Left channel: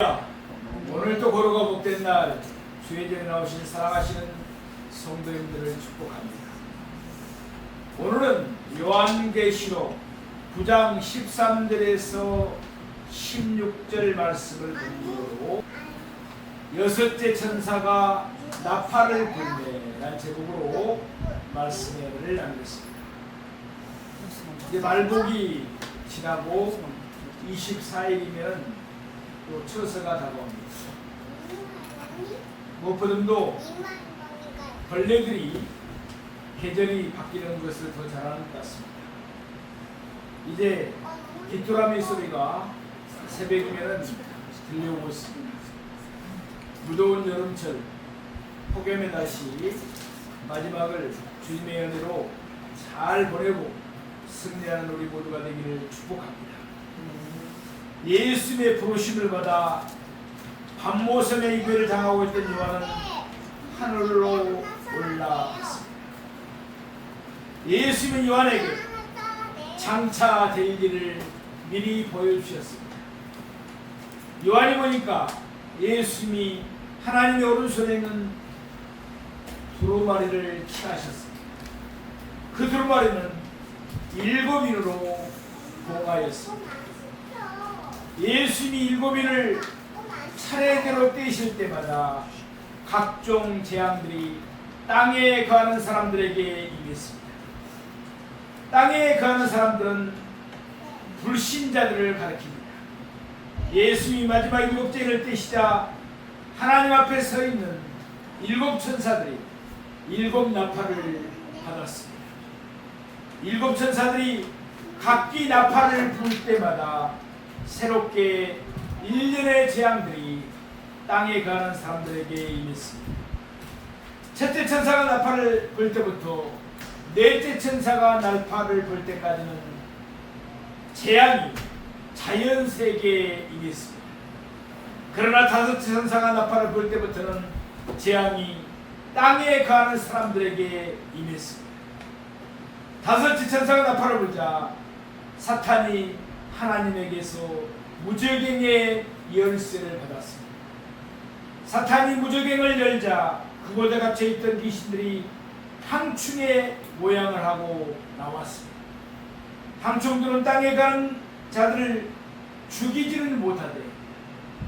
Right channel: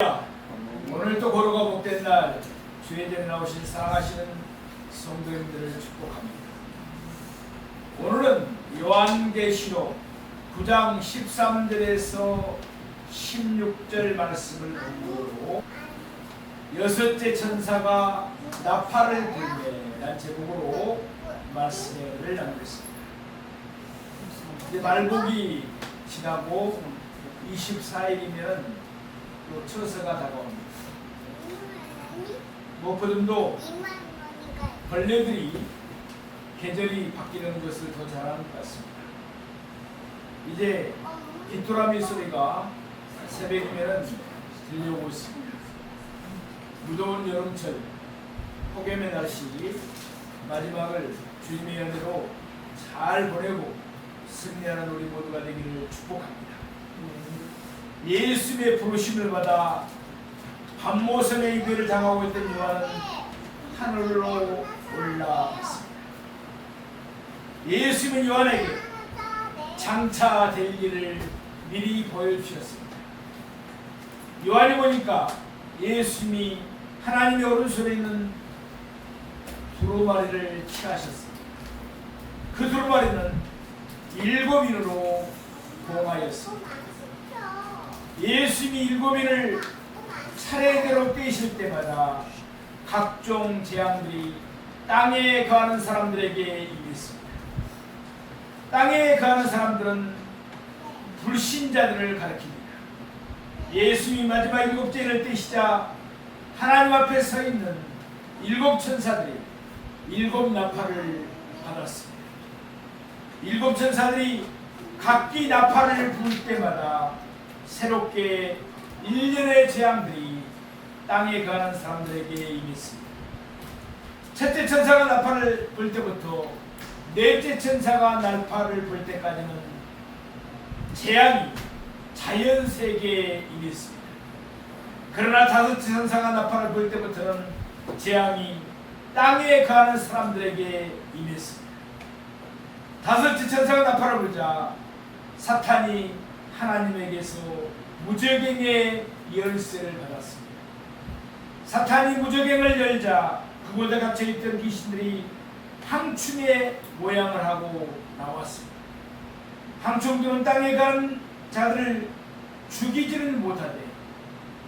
오늘도 거룩과 복된 날 주의 전에 나오신 사랑하시는 성도님들을 축복합니다. 오늘은 요한계시록 9장 13절에서 16절 말씀을 근거로 여섯째 천사가 나팔을 불매라는 제목으로 말씀을 나누겠습니다. 이제 말복이 지나고 24일이면 또 처서가 다가옵니다. 무엇보다도 벌레들이 계절이 바뀌는 것을 더 잘하는 것 같습니다. 이제 귀뚜라미 소리가 새벽이면 들려오고 있습니다. 무더운 여름철 폭염의 날씨 마지막을 주님의 은혜로 잘 보내고 승리하는 우리 모두가 되기를 축복합니다. 예수님의 부르심을 받아 밤모섬의 이별을 당하고 있던 요한은 하늘로 올라갔습니다. 예수님은 요한에게 장차 될 일을 미리 보여주셨습니다. 요한이 보니까 예수님이 하나님의 오른손에 있는 두루마리를 취하셨습니다. 그 두루마리는 7인으로 봉하였습니다. 예수님이 7인을 차례대로 떼실 때마다 각종 재앙들이 땅에 거하는 사람들에게 임했습니다. 땅에 거하는 사람들은 불신자들을 가리킵니다. 예수님이 마지막 7째를 떼시자 하나님 앞에 서 있는 7 천사들이 7 나팔을 받았습니다. 7 천사들이 각기 나팔을 불 때마다 새롭게 1년의 재앙들이 땅에 가는 사람들에게 임했습니다. 첫째 천사가 나팔을 불 때부터 넷째 천사가 나팔을 불 때까지는 재앙이 자연세계에 임했습니다. 그러나 다섯째 천사가 나팔을 불 때부터는 재앙이 땅에 가는 사람들에게 임했습니다. 다섯째 천사가 나팔을 불자 사탄이 하나님에게서 무저갱의 열쇠를 받았습니다. 사탄이 무저갱을 열자 그곳에 갇혀있던 귀신들이 항충의 모양을 하고 나왔습니다. 항충들은 땅에 간 자들을 죽이지는 못하되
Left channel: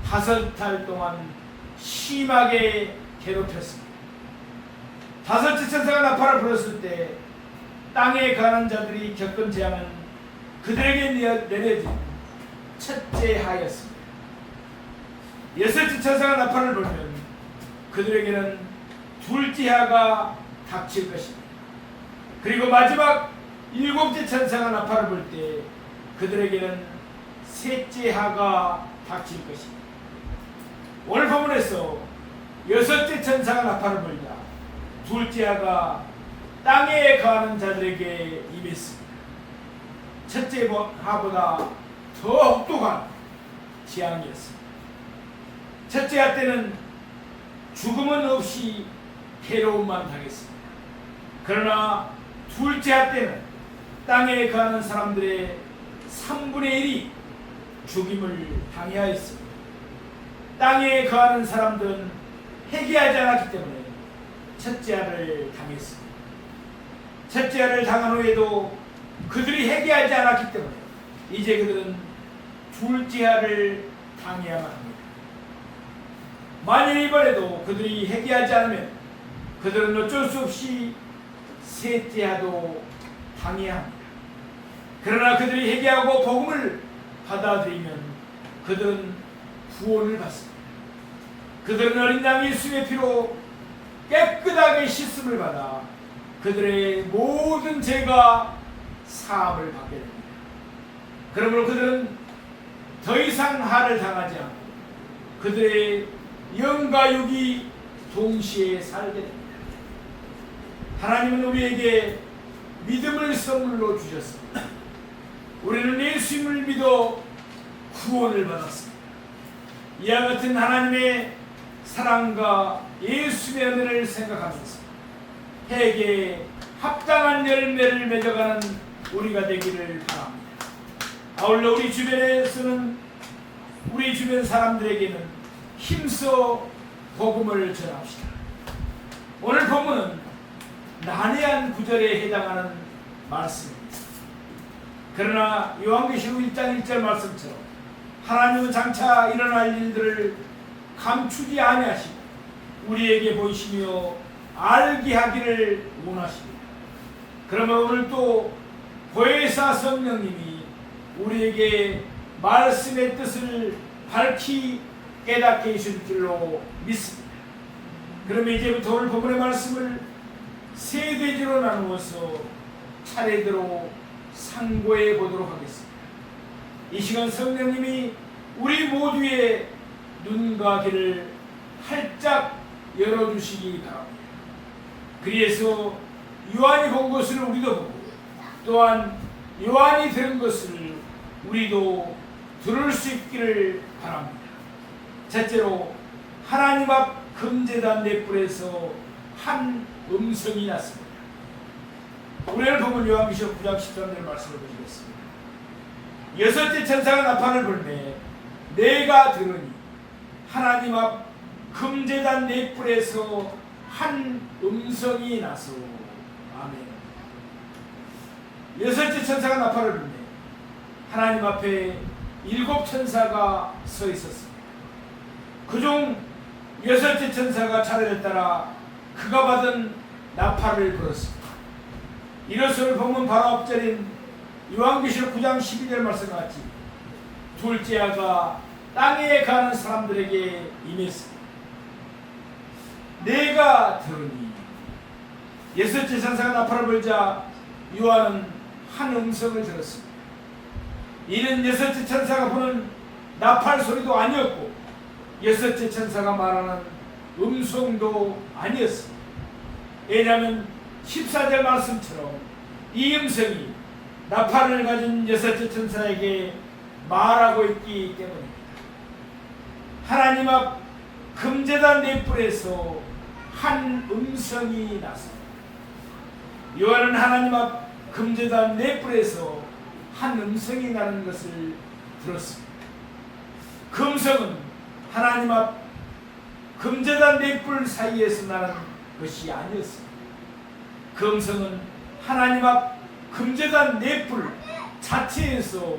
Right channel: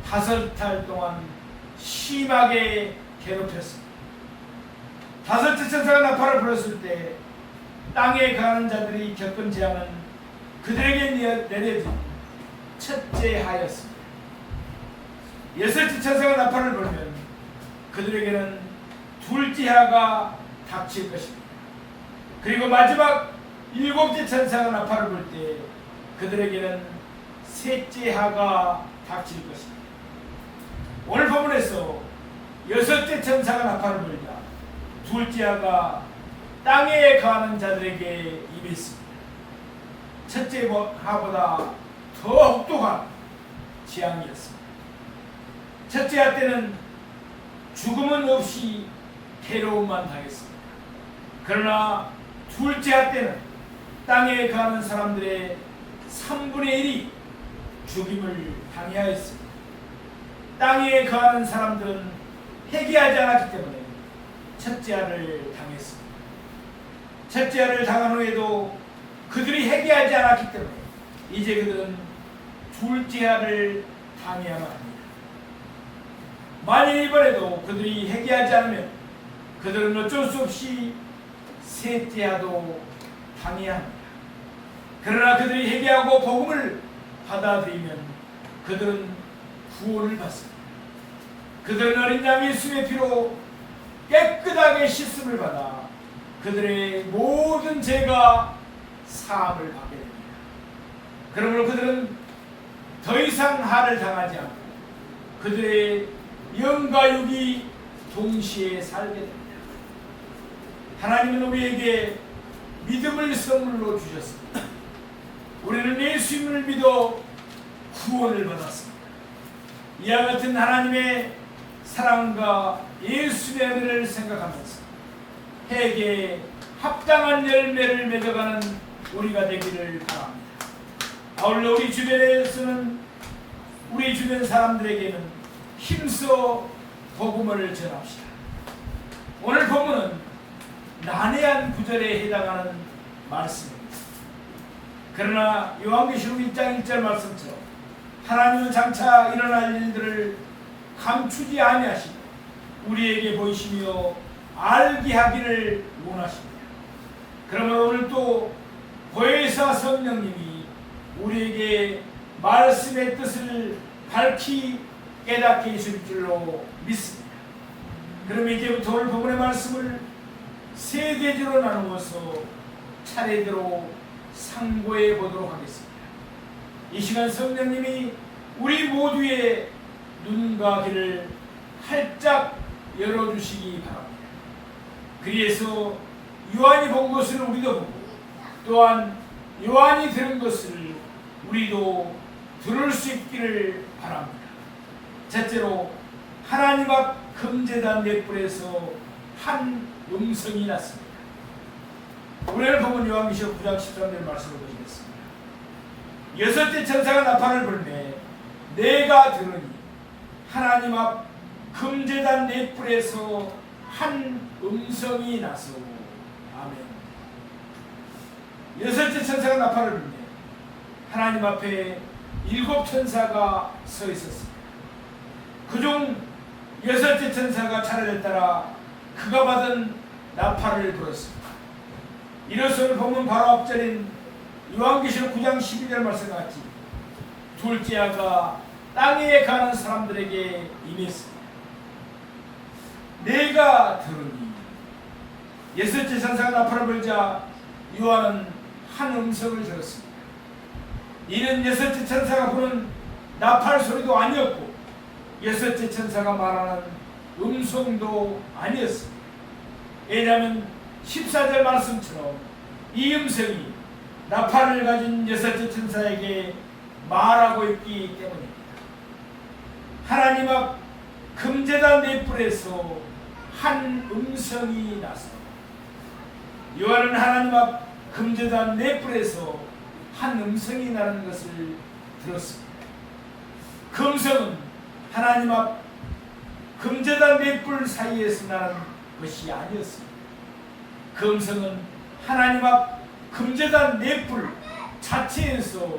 5달 동안 심하게 괴롭혔습니다. 다섯째 천사가 나팔을 불었을 때 땅에 가는 자들이 겪은 재앙은 그들에게 내려진 첫째 하였습니다. 여섯째 천사가 나팔을 불면 그들에게는 둘째 하가 닥칠 것입니다. 그리고 마지막 7째 천사가 나팔을 불 때 그들에게는 셋째 하가 닥칠 것입니다. 오늘 본문에서 여섯째 천사가 나팔을 불자 둘째 하가 땅에 거하는 자들에게 임했습니다. 첫째 하보다 더 혹독한 재앙이었습니다. 첫째 하 때는 죽음은 없이 괴로움만 당했습니다. 그러나 둘째 하 때는 땅에 거하는 사람들의 3분의 1이 죽임을 당해하였습니다. 땅에 거하는 사람들은 회개하지 않았기 때문에 첫째 하를 당했습니다. 첫째 하를 당한 후에도 그들이 회개하지 않았기 때문에 이제 그들은 둘째 하를 당해야만 합니다. 만일 이번에도 그들이 회개하지 않으면 그들은 어쩔 수 없이 셋째 하도 당해야 합니다. 그러나 그들이 회개하고 복음을 받아들이면 그들은 구원을 받습니다. 그들은 어린 양 예수의 피로 깨끗하게 씻음을 받아 그들의 모든 죄가 사함을 받게 됩니다. 그러므로 그들은 더 이상 한을 당하지 않고 그들의 영과 육이 동시에 살게 됩니다. 하나님은 우리에게 믿음을 선물로 주셨습니다. 우리는 예수님을 믿어 구원을 받았습니다. 이와 같은 하나님의 사랑과 예수의 은혜를 생각하면서 회개에 합당한 열매를 맺어가는 우리가 되기를 바랍니다. 아울러 우리 주변에서는 우리 주변 사람들에게는 힘써 복음을 전합시다. 오늘 본문은 난해한 구절에 해당하는 말씀입니다. 그러나 요한계시록 1장 1절 말씀처럼 하나님은 장차 일어날 일들을 감추지 아니하시고 우리에게 보이시며 알게 하기를 원하십니다. 그러면 오늘 또 보혜사 성령님이 우리에게 말씀의 뜻을 밝히 깨닫게 해줄 줄로 믿습니다. 그러면 이제부터 오늘 본문의 말씀을 세 계절로 나누어서 차례대로 상고해 보도록 하겠습니다. 이 시간 성령님이 우리 모두의 눈과 귀를 활짝 열어주시기 바랍니다. 그래서 요한이 본 것을 우리도 보고 또한 요한이 들은 것을 우리도 들을 수 있기를 바랍니다. 첫째로 하나님 앞 금제단 넷불에서 한 음성이 났습니다. 오늘 보면 요한계시록 9장 13절 말씀을 보시겠습니다. 여섯째 천사가 나팔을 불매 내가 들으니 하나님 앞 금제단 넷불에서 한 음성이 나서 아멘. 여섯째 천사가 나팔을 불매 하나님 앞에 7 천사가 서 있었습니다. 그중 여섯째 천사가 차례를 따라 그가 받은 나팔을 불었습니다. 이것을 보면 바로 앞절인 요한계시록 9장 12절 말씀같이 둘째 아가 땅에 가는 사람들에게 임했습니다. 내가 들으니 여섯째 천사가 나팔을 불자 요한은 한 음성을 들었습니다. 이는 여섯째 천사가 부는 나팔 소리도 아니었고 여섯째 천사가 말하는 음성도 아니었습니다. 왜냐하면 14절 말씀처럼 이 음성이 나팔을 가진 여섯째 천사에게 말하고 있기 때문입니다. 하나님 앞 금제단 넷불에서 한 음성이 나서 요한은 하나님 앞 금제단 넷불에서 한 음성이 나는 것을 들었습니다. 그 음성은 하나님 앞 금제단 넷불 사이에서 나는 것이 아니었습니다. 그 음성은 하나님 앞 금제단 넷불 자체에서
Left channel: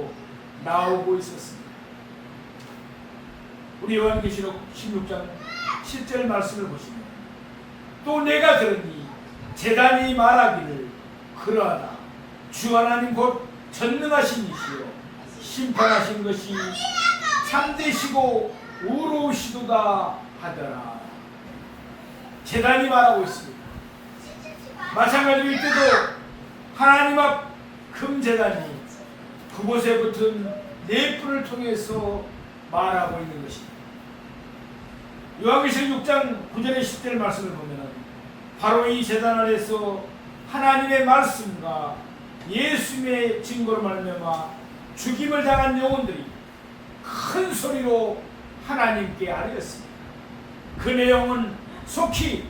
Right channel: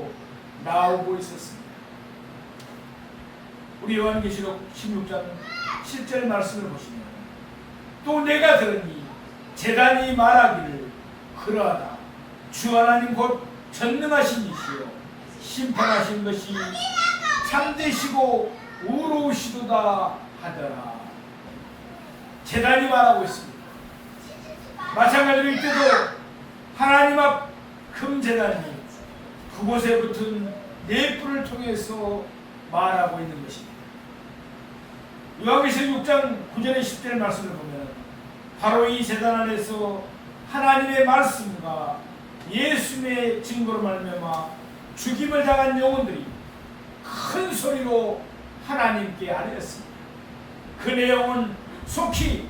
나오고 있었습니다. 우리 요한계시록 16장 7절 말씀을 보시면 또 내가 들으니 제단이 말하기를 그러하다 주 하나님 곧 전능하신 이시여 심판하신 것이 참되시고 의로우시도다 하더라. 제단이 말하고 있습니다. 마찬가지로 이때도 하나님 앞 금제단이 그곳에 붙은 넷불을 통해서 말하고 있는 것입니다. 요한계시록 6장 9절에 10절 말씀을 보면 바로 이 제단 안에서 하나님의 말씀과 예수님의 증거로 말미암아 죽임을 당한 영혼들이 큰 소리로 하나님께 아뢰었습니다. 그 내용은 속히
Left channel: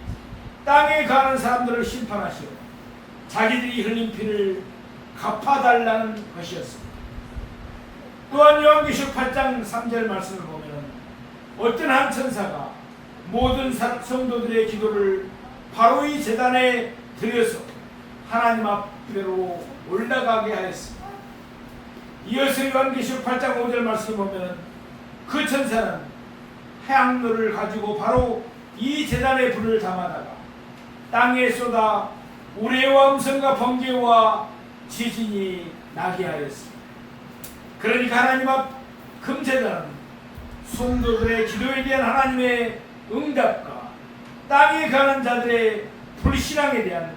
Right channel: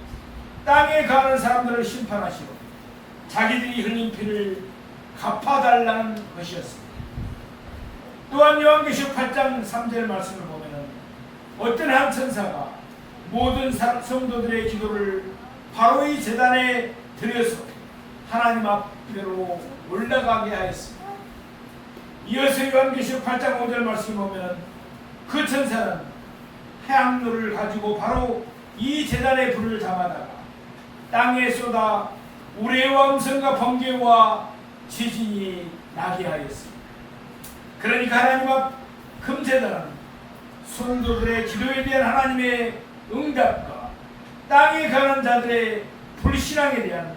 땅에 가는 사람들을 심판하시고 자기들이 흘린 피를 갚아달라는 것이었습니다. 또한 요한계시록 8장 3절 말씀을 보면 어떤 한 천사가 모든 성도들의 기도를 바로 이 제단에 드려서 하나님 앞으로 올라가게 하였습니다. 이어서 요한계시록 8장 5절 말씀을 보면 그 천사는 해양로를 가지고 바로 이 제단에 불을 담아다가 땅에 쏟아 우레와 음성과 번개와 지진이 나게 하였습니다. 그러니까 하나님 앞 금제단은 성도들의 기도에 대한 하나님의 응답과 땅에 가는 자들의 불신앙에 대한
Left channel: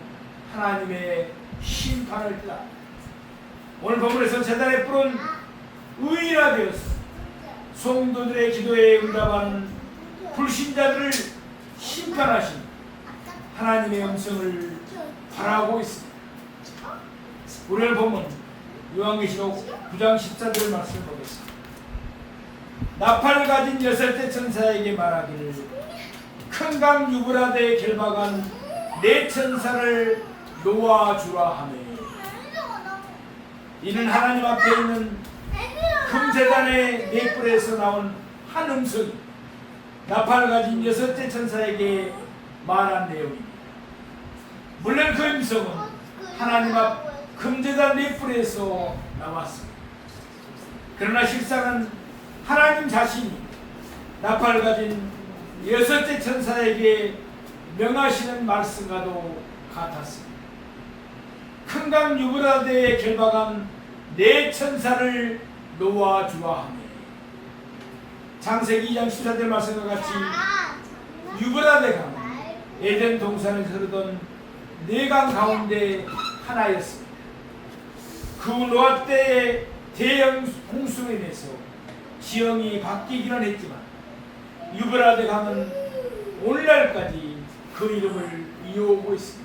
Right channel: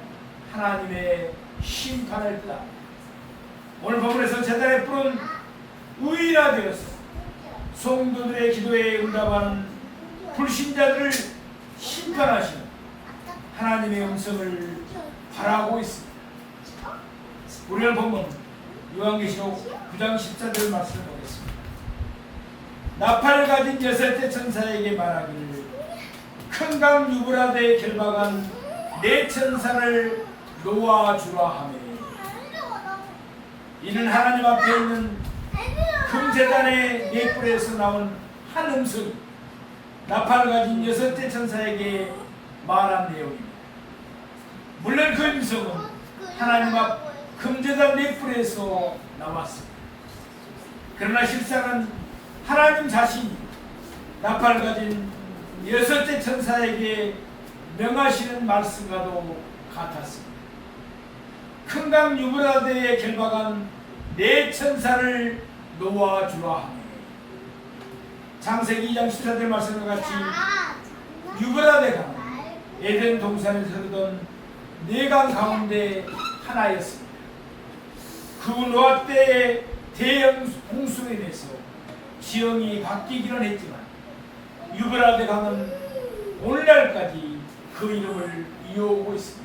하나님의 심판을 뜻합니다. 오늘 본문에서 제단의 뿔은 의인화되어서 성도들의 기도에 응답하는 불신자들을 심판하시는 하나님의 음성을 바라고 있습니다. 우리는 본문 요한계시록 9장 14절 말씀을 보겠습니다. 나팔을 가진 여섯째 천사에게 말하기를 큰 강 유브라데에 결박한 네 천사를 놓아주라 하매 이는 하나님 앞에 있는 금제단의 네 뿔에서 나온 한 음성이 나팔을 가진 여섯째 천사에게 말한 내용입니다. 물론 그 음성은 하나님 앞 금제단 네 뿔에서 나왔습니다. 그러나 실상은 하나님 자신이 나팔을 가진 여섯째 천사에게 명하시는 말씀과도 같았습니다. 큰 강 유브라데에 결박한 네 천사를 놓아주라 하니 창세기 2장 14절 말씀과 같이 유브라데 강은 에덴 동산을 흐르던 네 강 가운데 하나였습니다. 그 노아 때의 대형 홍수로 인해서 지형이 바뀌기는 했지만 유브라데 강은 오늘날까지 그 이름을 이어오고 있습니다.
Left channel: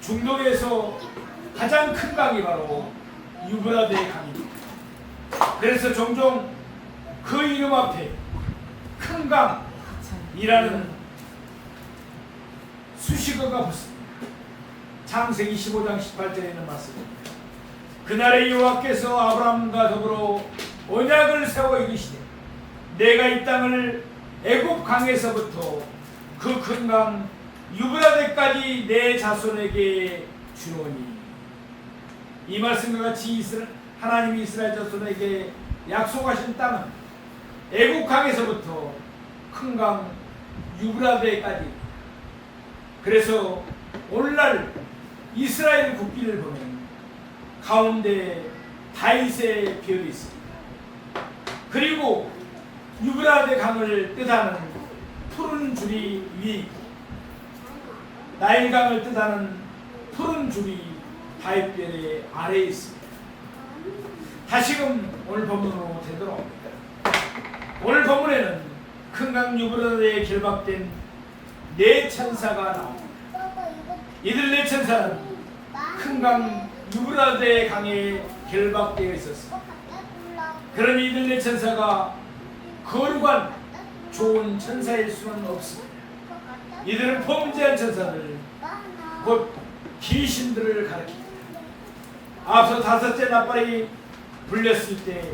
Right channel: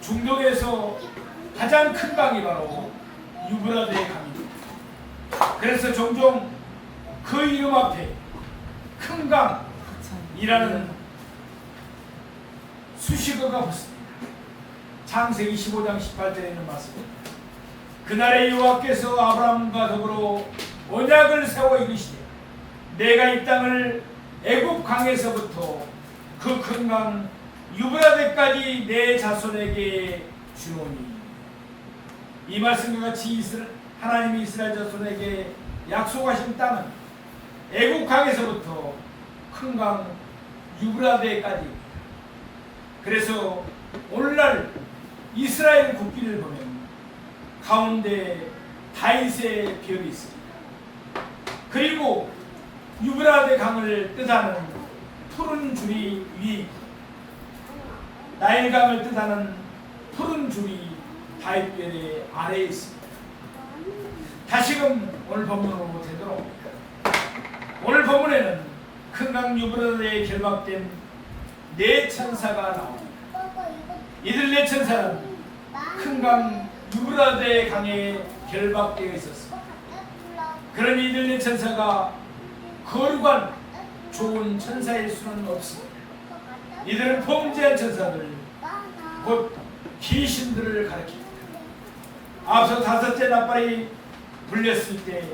중동에서 가장 큰 강이 바로 유브라데 강입니다. 그래서 종종 그 이름 앞에 큰 강이라는 수식어가 붙습니다. 창세기 15장 18절에 있는 말씀입니다. 그날에 여호와께서 아브라함과 더불어 언약을 세워 이르시되 내가 이 땅을 애굽 강에서부터 그 큰 강 유브라데까지 내 자손에게 주노니. 이 말씀과 같이 하나님이 이스라엘 자손에게 약속하신 땅은 애굽 강에서부터 큰 강 유브라데까지입니다. 그래서 오늘날 이스라엘 국기를 보면 가운데 다윗의 별이 있습니다. 그리고 유브라데 강을 뜻하는 푸른 줄이 위에 있고 나일강을 뜻하는 푸른 줄이 다윗별의 아래에 있습니다. 다시금 오늘 본문으로 되돌아옵니다. 오늘 본문에는 큰 강 유브라데에 결박된 네 천사가 나옵니다. 이들 네 천사는 큰 강 유브라데 강에 결박되어 있었습니다. 그럼 이들 네 천사가 거룩한 좋은 천사일 수는 없습니다. 이들은 범죄한 천사들, 곧 귀신들을 가리킵니다. 앞서 다섯째 나팔이 불렸을 때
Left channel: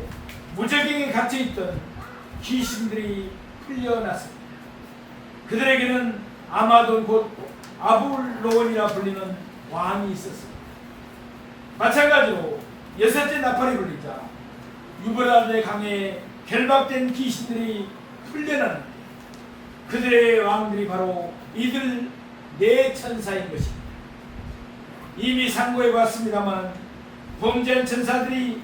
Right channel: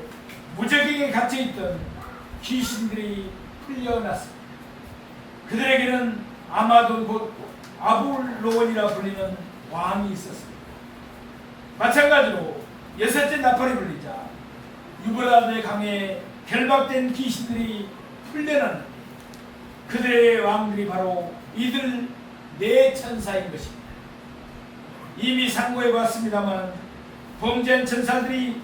무저갱에 갇혀있던 귀신들이 풀려났습니다. 그들에게는 아마돈 곧 아불로원이라 불리는 왕이 있었습니다. 마찬가지로 여섯째 나팔이 불리자 유브라데 강에 결박된 귀신들이 풀려났는데 그들의 왕들이 바로 이들 네 천사인 것입니다. 이미 상고해 봤습니다만 범죄한 천사들이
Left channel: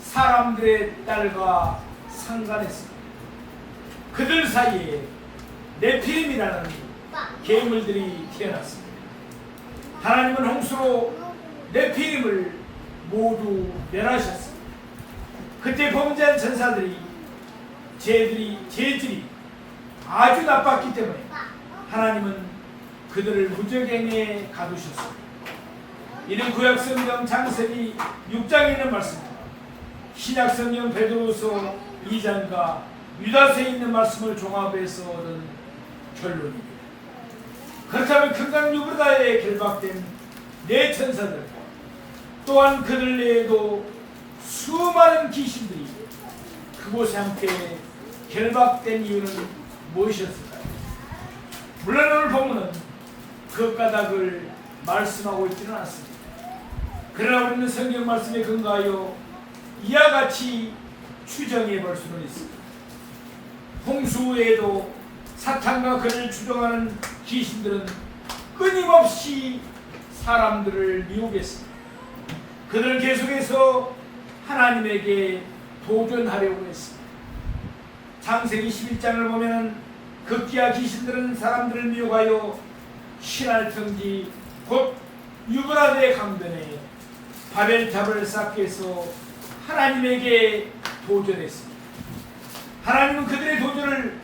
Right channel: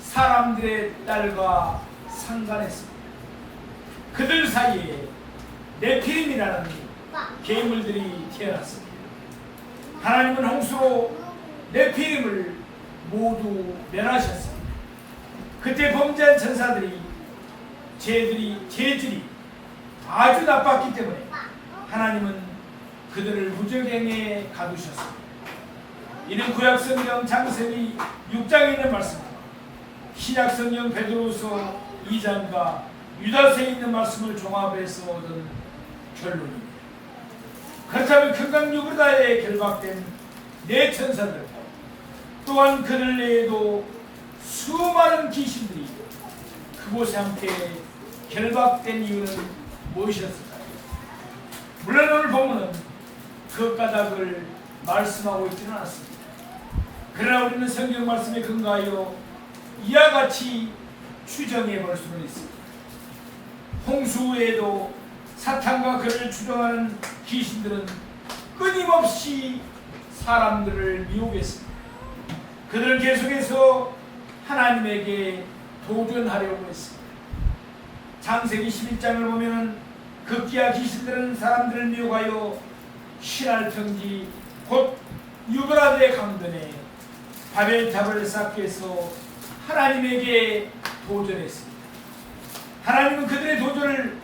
사람들의 딸과 상관했습니다. 그들 사이에 네피림이라는 괴물들이 태어났습니다. 하나님은 홍수로 네피림을 모두 멸하셨습니다. 그때 범죄한 천사들이 죄질이 아주 나빴기 때문에 하나님은 그들을 무저갱에 가두셨습니다. 이는 구약성경 창세기 6장에 있는 말씀과 신약성경 베드로서 2장과 유다서에 있는 말씀을 종합해서 얻은 결론입니다. 그렇다면 큰 강 유브라데에 결박된 네 천사들 또한 그들 외에도 수많은 귀신들이 그곳에 함께 결박된 이유는 무엇이었을까요? 물론 오늘 본문은 그 까닭을 말씀하고 있지는 않습니다. 그러나 우리는 성경 말씀에 근거하여 이와 같이 추정해 볼 수는 있습니다. 홍수 외에도 사탄과 그를 추종하는 귀신들은 끊임없이 사람들을 미혹했습니다. 그들은 계속해서 하나님에게 도전하려고 했습니다. 창세기 11장을 보면 극기야 귀신들은 사람들을 미혹하여 신할 평지 곧 유브라데 강변에 바벨탑을 쌓기 위해서 하나님에게 도전했습니다. 하나님은 그들의 도전을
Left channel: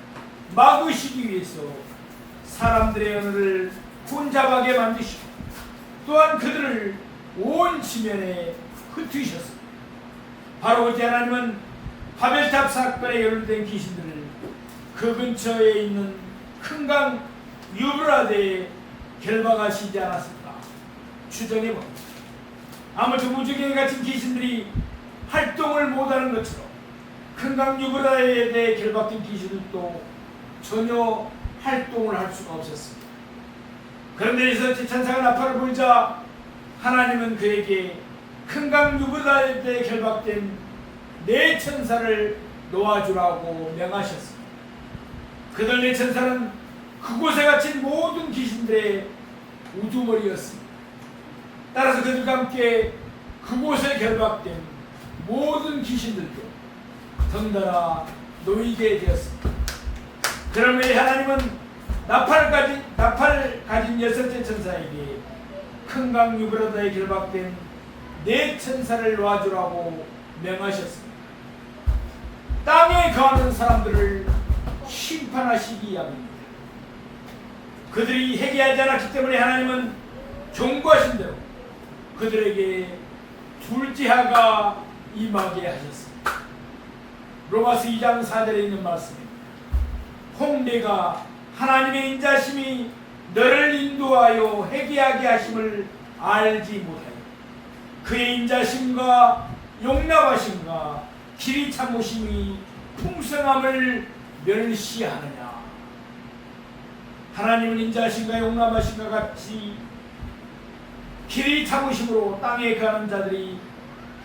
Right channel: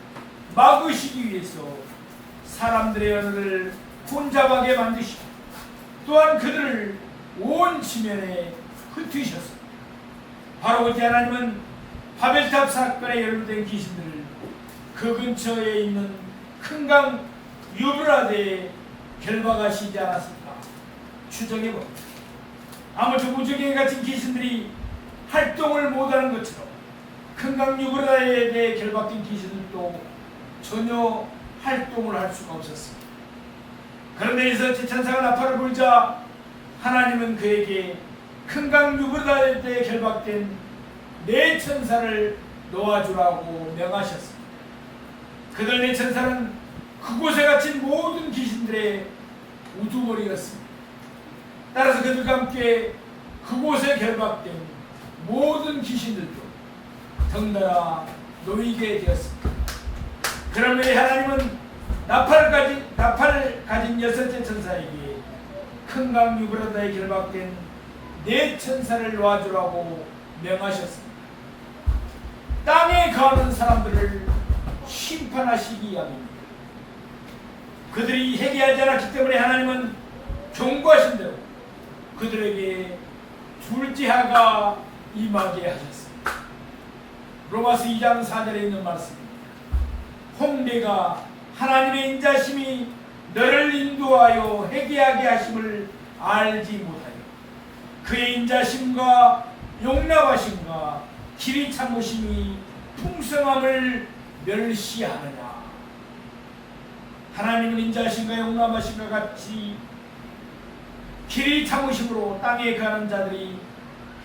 막으시기 위해서 사람들의 언어를 혼잡하게 만드시고 또한 그들을 온 지면에 흩으셨습니다. 바로 그때 하나님은 바벨탑 사건에 연루된 귀신들을 그 근처에 있는 큰 강 유브라데에 결박하시지 않았을까 추정해 봅니다. 아무튼 무지개에 갇힌 귀신들이 활동을 못하는 것처럼 큰강 유브라다에 대해 결박된 귀신들도 전혀 활동을 할 수가 없었습니다. 그런데 이서 제 천사가 나팔을 불자 하나님은 그에게 큰강 유브라다에 대해 결박된 네 천사를 놓아주라고 명하셨습니다. 그들 네 천사는 그곳에 갇힌 모든 귀신들의 우두머리였습니다. 따라서 그들과 함께 그곳에 결박된 모든 귀신들도 덩달아 놓이게 되었습니다. 그러므로 하나님은 나팔 가진 여섯째 천사에게 큰강 유브라다에 결박된 네 천사를 놓아주라고 명하셨습니다. 땅에 거하는 사람들을 심판하시기 위함입니다. 그들이 회개하지 않았기 때문에 하나님은 경고하신 대로 그들에게 불지하가 임하게 하셨습니다. 로마서 2장 4절에 있는 말씀입니다. 홍대가 하나님의 인자심이 너를 인도하여 회개하게 하심을 알지 못하여 그의 인자심과 용납하심과 길이 참으심이 풍성함을 멸시하느냐. 하나님은 인자하심과 용납하심과 같이 길이 참으심으로 땅에 가는 자들이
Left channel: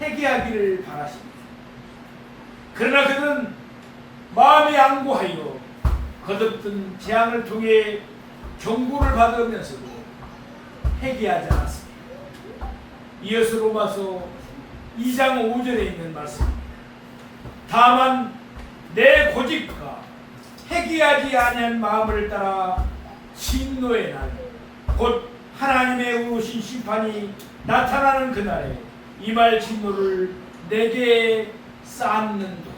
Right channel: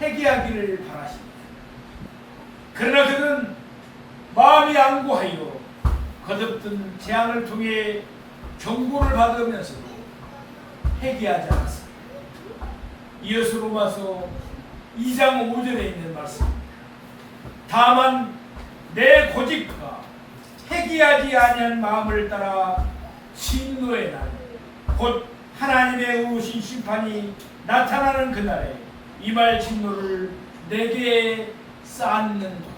회개하기를 바라십니다. 그러나 그들은 마음이 양고하여 거듭든 재앙을 통해 경고를 받으면서도 회개하지 않았습니다. 이어서 로마서 2장 5절에 있는 말씀입니다. 다만 내 고집과 회개하지 아니한 마음을 따라 진노의 날, 곧 하나님의 오신 심판이 나타나는 그날에 임할 진노를 내게 쌓는도다.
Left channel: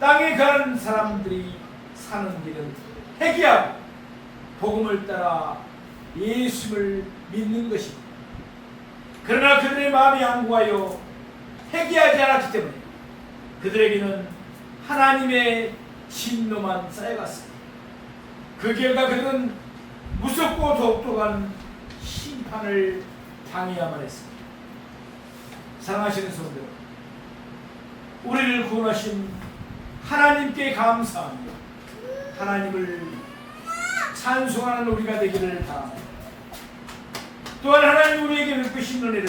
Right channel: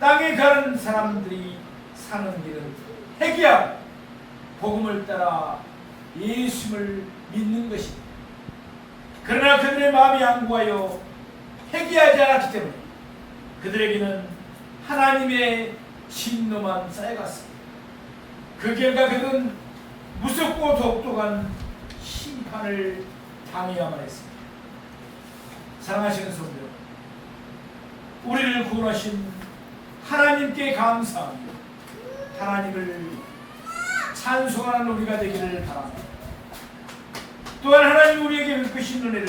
땅에 가는 사람들이 사는 길은 회개하고 복음을 따라 예수를 믿는 것입니다. 그러나 그들의 마음이 양고하여 회개하지 않았기 때문에 그들에게는 하나님의 진노만 쌓여갔습니다. 그 결과 그들은 무섭고 독특한 심판을 당해야만 했습니다. 사랑하시는 성도 여러분, 우리를 구원하신 하나님께 감사하며 하나님을 찬송하는 우리가 되기를 바랍니다. 또한 하나님 우리에게 베푸신 은혜를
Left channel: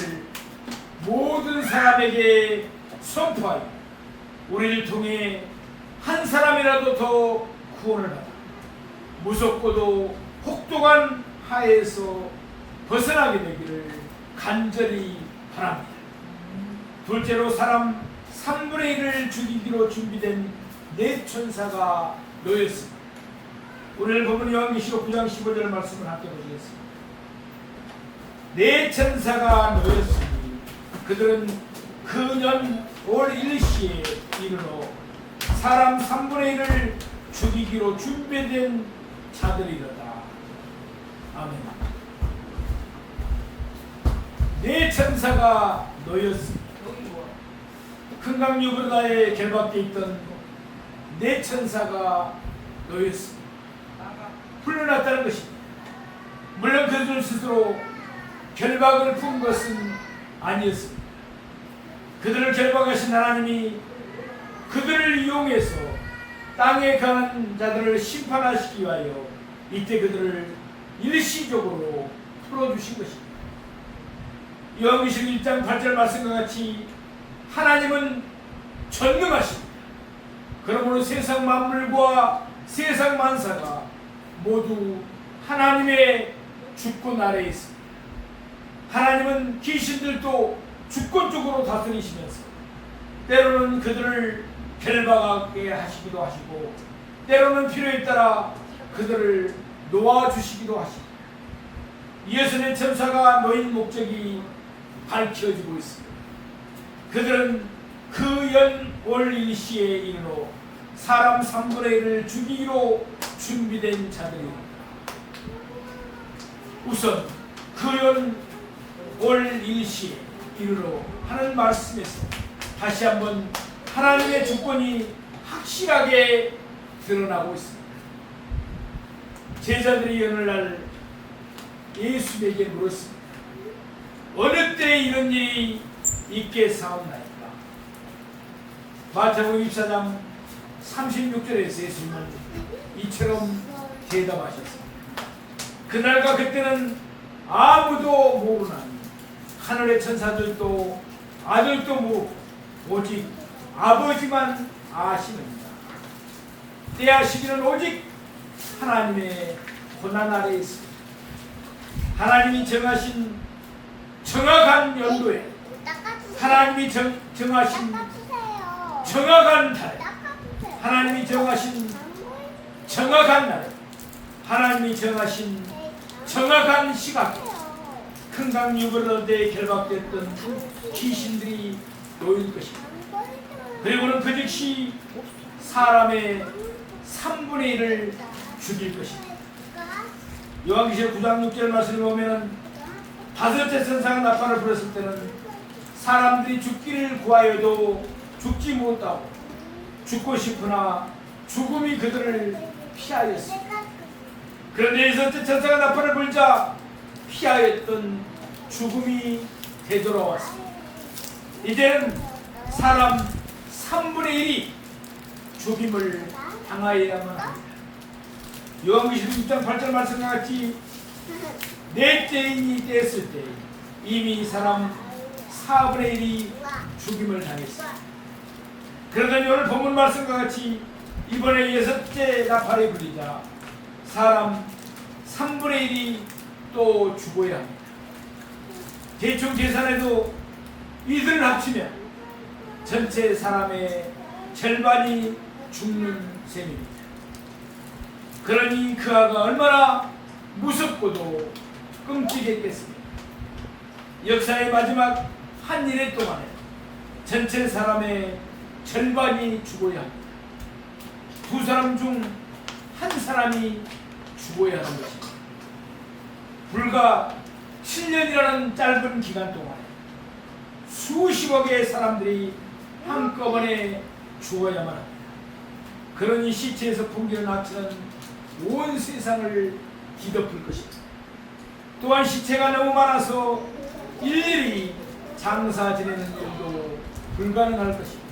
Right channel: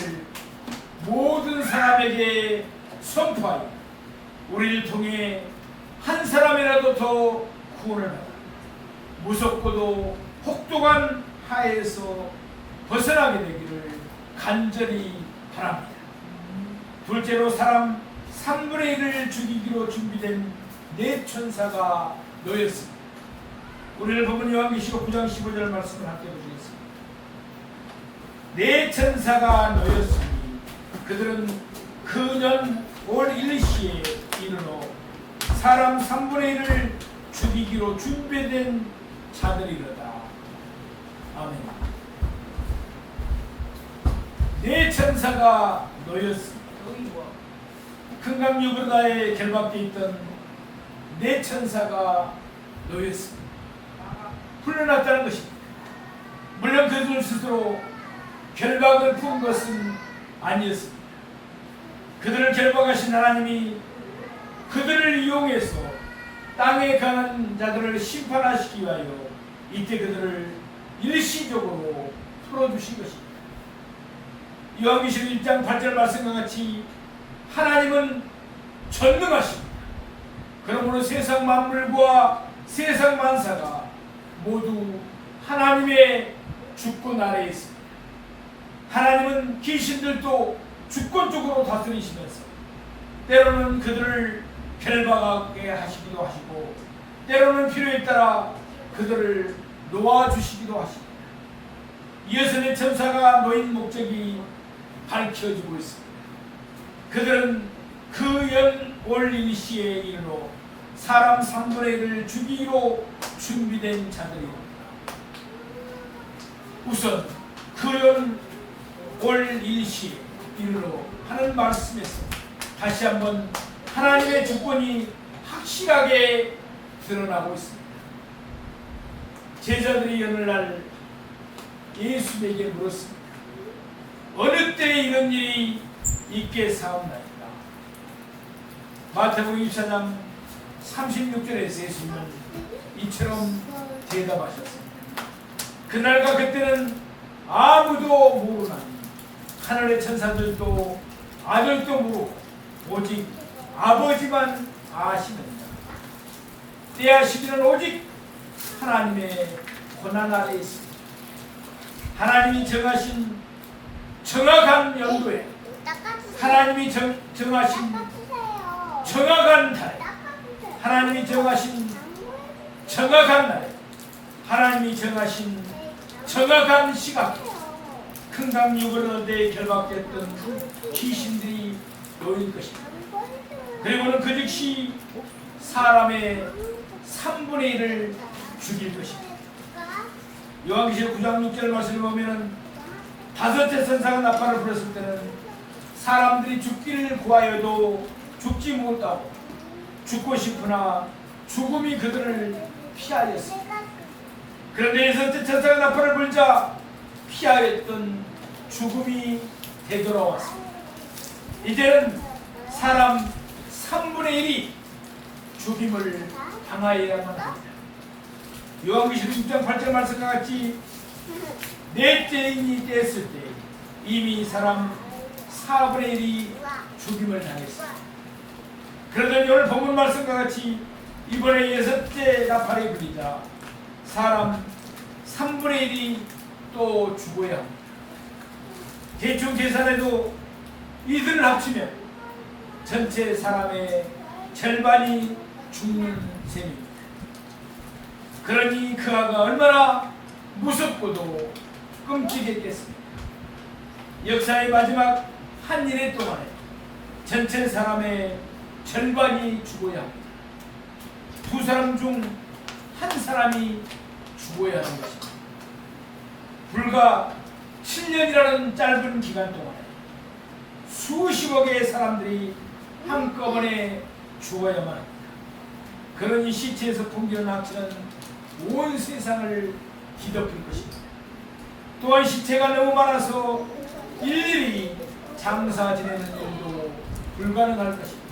모든 사람에게 선포하여 우리를 통해 한 사람이라도 더 구원을 받아 무섭고도 혹독한 하에서 벗어나게 되기를 간절히 바랍니다. 둘째로 사람 3분의 1을 죽이기로 준비된 네 천사가 놓였습니다. 우리를 보면 요한계시록 9장 15절 말씀을 함께 보시겠습니다. 네 천사가 놓였으니 그들은 그년 올 일시에 이르러 사람 3분의 1을 죽이기로 준비된 자들이로다. 아멘. 네 천사가 놓였습니다. 큰강 유브라다에 결박되어 있던 네 천사가 놓였습니다. 풀려났다는 것입니다. 물론 그들 스스로 결박을 푼 것은 아니었습니다. 그들을 결박하신 하나님이 그들을 이용해서 땅에 가는 자들을 심판하시기 위하여 이때 그들을 일시적으로 풀어주신 것입니다. 요한계시록 1장 8절 말씀과 같이 하나님은 전능하십니다. 그러므로 세상 만물과 세상 만사가 모두 하나님의 주권 아래에 있습니다. 하나님은 귀신들도 주권적으로 다스리시면서 때로는 그들을 결박하게 하시기도 하시고 때로는 필요에 따라 그들을 놓아주시기도 하십니다. 이어서 네 천사가 놓인 목적이 밝혀지고 있습니다. 그들은 그 연 올 일시에 이르러 사람 3분의 1을 죽이기로 준비된 자들입니다. 우선 그 연 올 일시에 이르러 하는 말씀에서 다시 한번 하나님의 주권이 확실하게 드러나고 있습니다. 제자들이 오늘날 예수에게 물었습니다. 어느 때 이런 일이 있게 사옵나이까. 마태복음 24장 36절에서 예수님은 이처럼 대답하셨습니다. 그날과 그때는 아무도 모르나니 하늘의 천사들도 아들도 모르고 오직 아버지만 아시느니라. 때와 시기는 오직 하나님의 권한 아래에 있습니다. 하나님이 정하신 정확한 연도에 하나님이 정하신 정확한 달에 하나님이 정하신 정확한 날에 하나님이 정하신 정확한 시각에 큰강 유브라데에 결박됐던 귀신들이 놓일 것입니다. 그리고는 그 즉시 사람의 3분의 1을 죽일 것입니다. 요한계시록 9장 6절 말씀을 보면은 다섯째 천사가 나팔을 불었을 때는 사람들이 죽기를 구하여도 죽지 못하고 죽고 싶으나 죽음이 그들을 피하였습니다. 그런데 여섯째 천사가 나팔을 불자 피하였던 죽음이 되돌아왔습니다. 이제는 사람 3분의 1이 죽임을 당하여야만 합니다. 요한계시록 6장 8절 말씀과 같이 넷째인이 됐을 때 이미 사람 4분의 1이 죽임을 당했습니다. 그러더니 오늘 본문 말씀과 같이 이번에 여섯째 나팔이 불리자 사람 3분의 1이 또 죽어야 합니다. 대충 계산해도 이들을 합치면 전체 사람의 절반이 죽는 셈입니다. 그러니 그 아가 얼마나 무섭고도 끔찍했겠습니까? 역사의 마지막 한 일회 동안에 전체 사람의 절반이 죽어야 합니다. 두 사람 중 한 사람이 죽어야 하는 것입니다. 불과 7년이라는 짧은 기간 동안에 수십억의 사람들이 한꺼번에 죽어야만 합니다. 그러니 시체에서 풍기는 악취는 온 세상을 뒤덮을 것입니다. 또한 시체가 너무 많아서 일일이 장사 지내는 일도 불가능할 것입니다.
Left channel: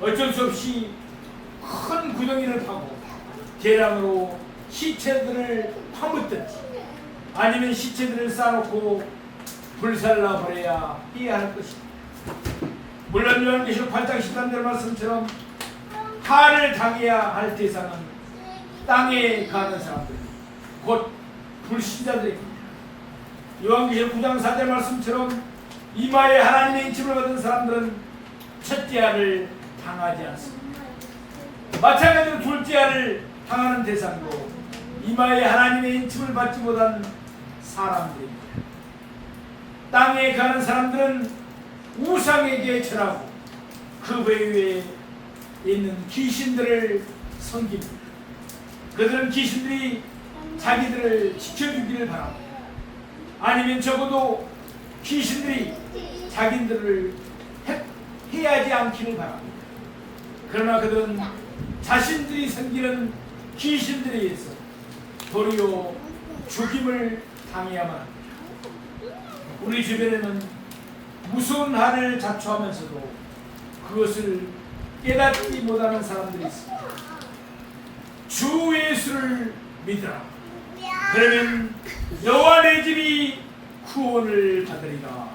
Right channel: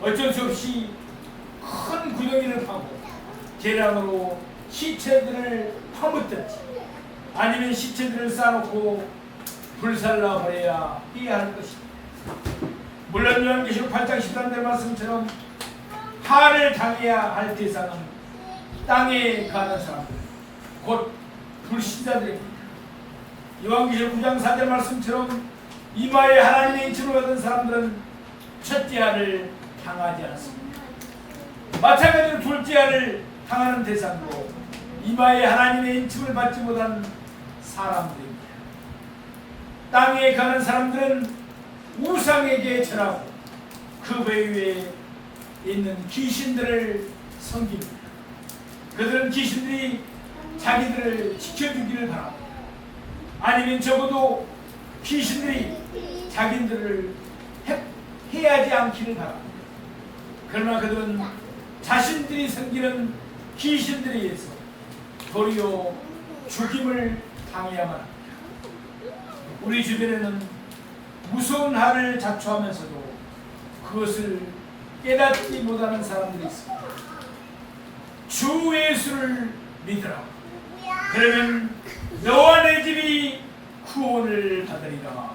어쩔 수 없이 큰 구덩이를 파고 계량으로 시체들을 파묻든지 아니면 시체들을 쌓아놓고 불살라 버려야 해야 할 것입니다. 물론 요한계시록 8장 13절 말씀처럼 화를 당해야 할 대상은 땅에 가는 사람들, 곧 불신자들입니다. 요한계시록 9장 4절 말씀처럼 이마에 하나님의 인침을 받은 사람들은 첫째 알을 당하지 않습니다. 마찬가지로 둘째 알을 당하는 대상도 이마에 하나님의 인침을 받지 못한 사람들입니다. 땅에 가는 사람들은 우상에게 절하고 그 외에 있는 귀신들을 섬깁니다. 그들은 귀신들이 자기들을 지켜주기를 바랍니다. 아니면 적어도 귀신들이 자기들을 해하지 않기를 바랍니다. 그러나 그들은 자신들이 섬기는 귀신들에 의해서 도리어 죽임을 당해야만 합니다. 우리 주변에는 무서운 한을 자초하면서도 그것을 깨닫지 못하는 사람들이 있습니다. 주 예수를 믿으라. 그러면 너와 내 집이 구원을 받으리라.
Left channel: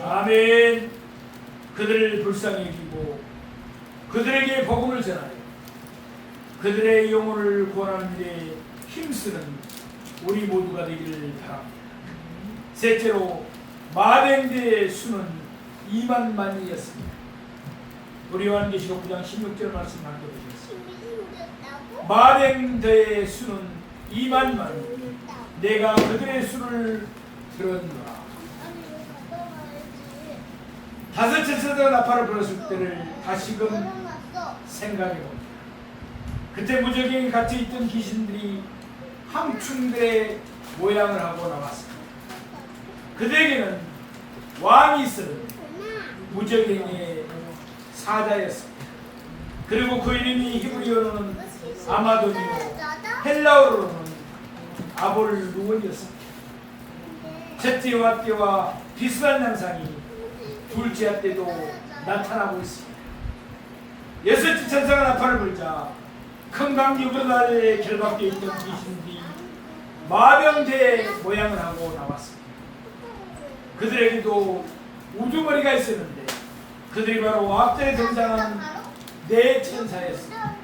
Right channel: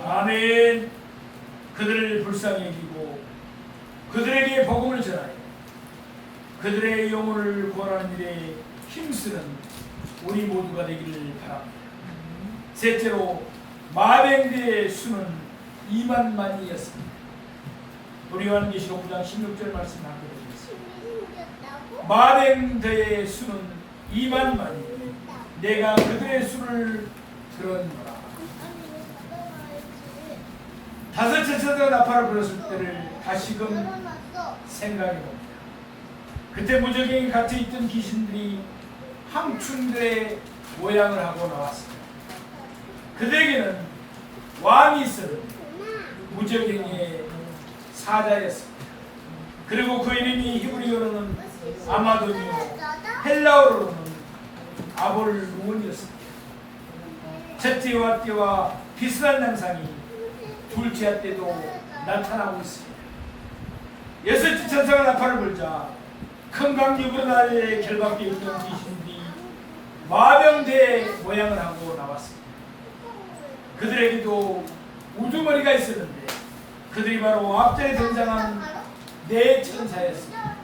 아멘. 그들을 불쌍히 여기고 그들에게 복음을 전하여 그들의 영혼을 구원하는 일에 힘쓰는 우리 모두가 되기를 바랍니다. 셋째로 마병대의 수는 2만만이었습니다. 우리 요한계시록 9장 16절 말씀 함께 보시겠습니다. 마병대의 수는 2만만이 내가 그들의 수를 들었노라. 다섯째 천사가 나팔을 불었을 때를 다시금 생각해봅니다. 그때 무적행에 갇혀있던 귀신들이 함충들의 모양을 하고 나왔습니다. 그들에게는 왕이 있었는데 무적행의 사자였습니다. 그리고 그 이름이 히브리어로는 아마도니오, 헬라어로는 아볼루온이었습니다. 첫째와 때와 비슷한 양상이 둘째 때도 나타나고 있습니다. 여섯째 천사가 나팔을 불자 큰 강 유브라데에 결박되어 있던 귀신들이 마병대 모양을 하고 나왔습니다. 그들에게도 우두머리가 있었는데 그들이 바로 앞전에 등장한 네 천사였습니다.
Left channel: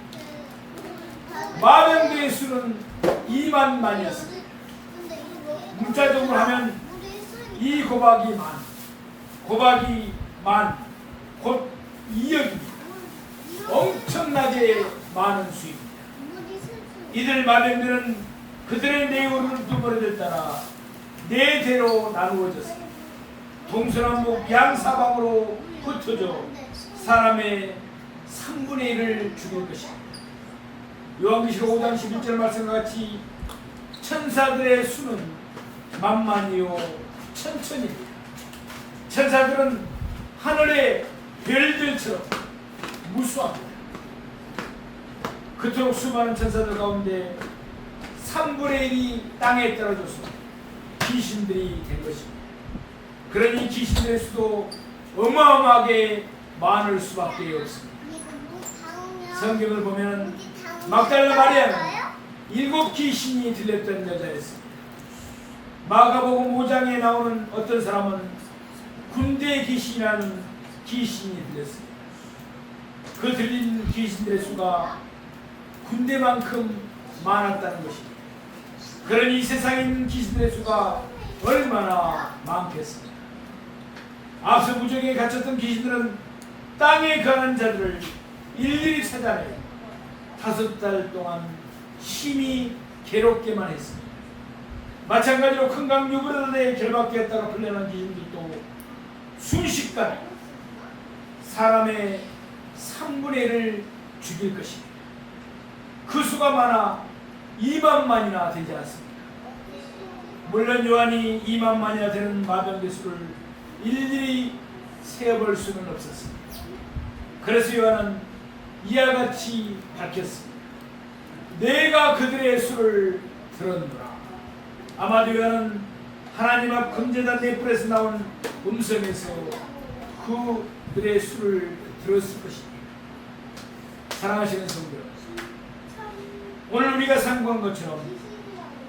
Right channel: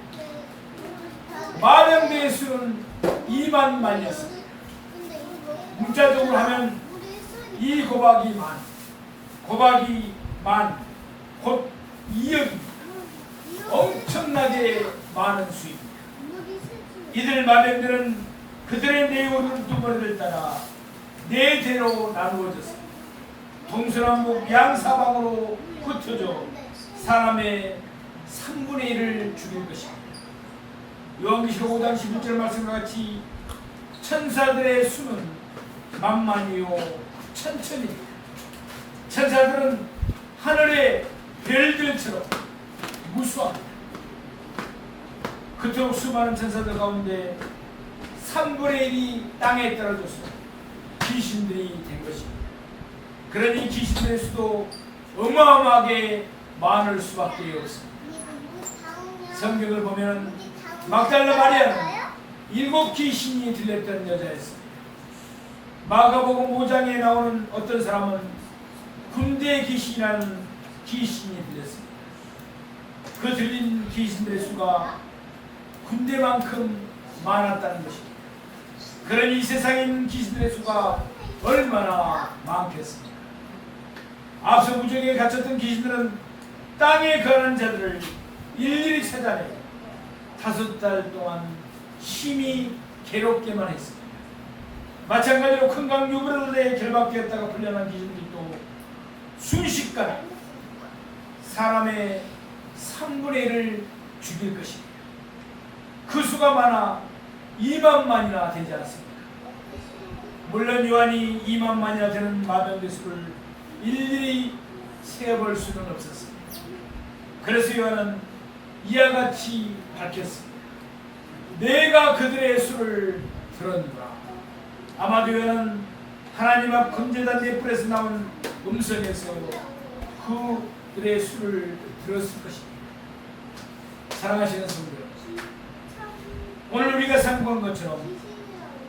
마병대의 수는 2만만이었습니다. 문자적으로 하면 이 곱하기 만, 곱하기 만, 곧 2억입니다. 엄청나게 많은 수입니다. 이들 마병들은 그들의 네 우두머리를 따라 네 대로 나누어졌습니다. 동서남북 양사방으로 흩어져 사람의 3분의 1을 죽일 것입니다. 요한계시록 5장 11절 말씀과 같이 천사들의 수는 만만이요 천천입니다. 천사들은 하늘의 별들처럼 무수합니다. 그토록 수많은 천사들 가운데 3분의 1이 땅에 떨어져서 귀신들이 된 것입니다. 그러니 귀신들의 수도 어마어마하게 많을 수밖에 없습니다. 성경을 보면 막달라 마리아는 7 귀신이 들렸던 여자였습니다. 마가복음 5장에 나오는 어떤 사람은 군대 귀신이라는 귀신이 들렸습니다. 그 들린 귀신들의 수가 군대만큼 많았다는 것입니다. 그러니 이 세상에 있는 귀신들의 수가 얼마나 많겠습니까? 앞서 무적에 갇혔던 귀신들은 땅에 거하는 자들을 일일이 찾아내 5달 동안 심히 괴롭게만 했습니다. 마찬가지로 큰 강 유브라데에 결박되었다가 풀려난 귀신들도 순식간에 사람의 3분의 1을 죽일 것입니다. 그 수가 많아 2만만이나 되지 않습니까? 물론 요한이 2만만이나 되는 마병대 수를 일일이 세어볼 수는 없었습니다. 그래서 요한은 이와 같이 밝혔습니다. 내가 그들의 수를 들었노라. 아마도 요한은 하나님 앞 금제단 넷불에서 나온 음성에서 그들의 수를 들었을 것입니다. 사랑하시는 성도 여러분, 오늘 우리가 상고한 것처럼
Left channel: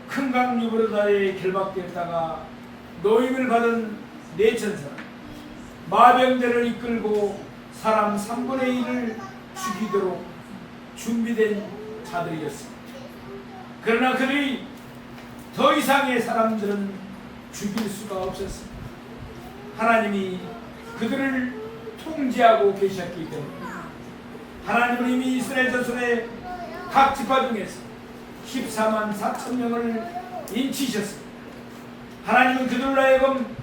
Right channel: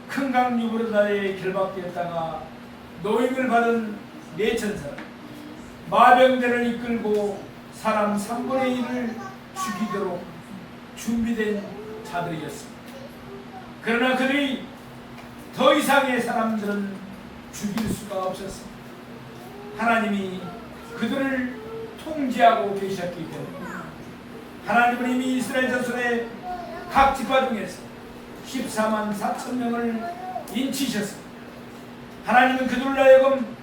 큰 강 유브라데에 결박되었다가 노임을 받은 네 천사는 마병대를 이끌고 사람 3분의 1을 죽이도록 준비된 자들이었습니다. 그러나 그들이 더 이상의 사람들은 죽일 수가 없었습니다. 하나님이 그들을 통제하고 계셨기 때문에 하나님은 이미 이스라엘 자손의 각 지파 중에서 14만 4천 명을 인치셨습니다. 하나님은 그들로 하여금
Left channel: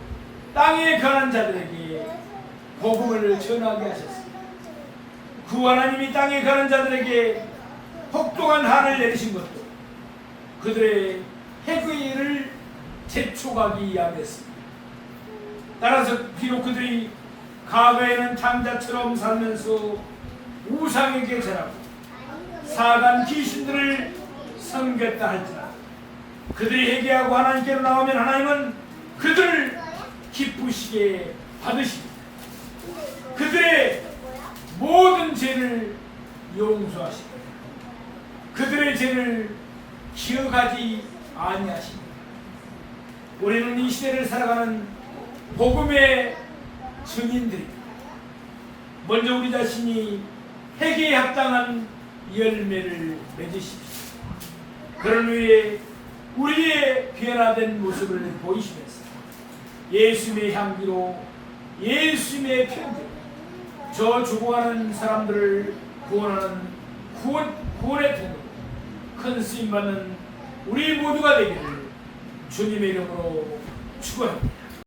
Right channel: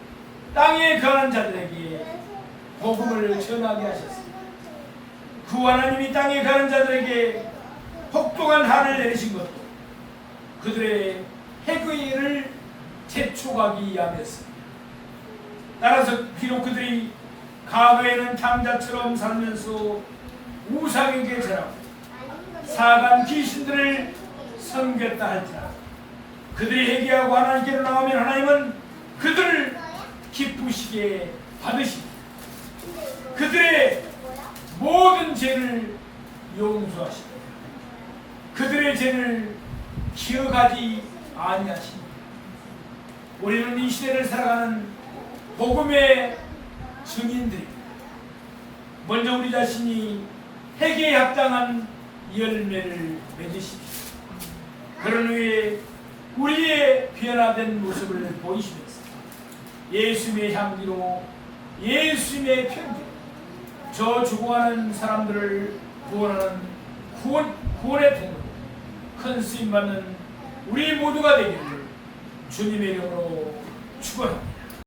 땅에 거하는 자들에게 복음을 전하게 하셨습니다. 그 하나님이 땅에 거하는 자들에게 혹독한 한을 내리신 것도 그들의 해괴를 재촉하기 위함이었습니다. 따라서 비록 그들이 과거에는 장자처럼 살면서 우상에게 절하고 사간 귀신들을 섬겼다 할지라도 그들이 회개하고 하나님께로 나오면 하나님은 그들을 기쁘시게 받으십니다. 그들의 모든 죄를 용서하십니다. 그들의 죄를 기억하지 아니하십니다. 우리는 이 시대를 살아가는 복음의 증인들입니다. 먼저 우리 자신이 회개에 합당한 열매를 맺으십시오. 그런 후에 우리의 변화된 모습을 보이시면서 예수님의 향기로 예수님의 편지로 저 죽어가는 사람들을 구원하는 구원의 통로로 큰 쓰임받는 우리 모두가 되기를 주님의 이름으로 축원합니다.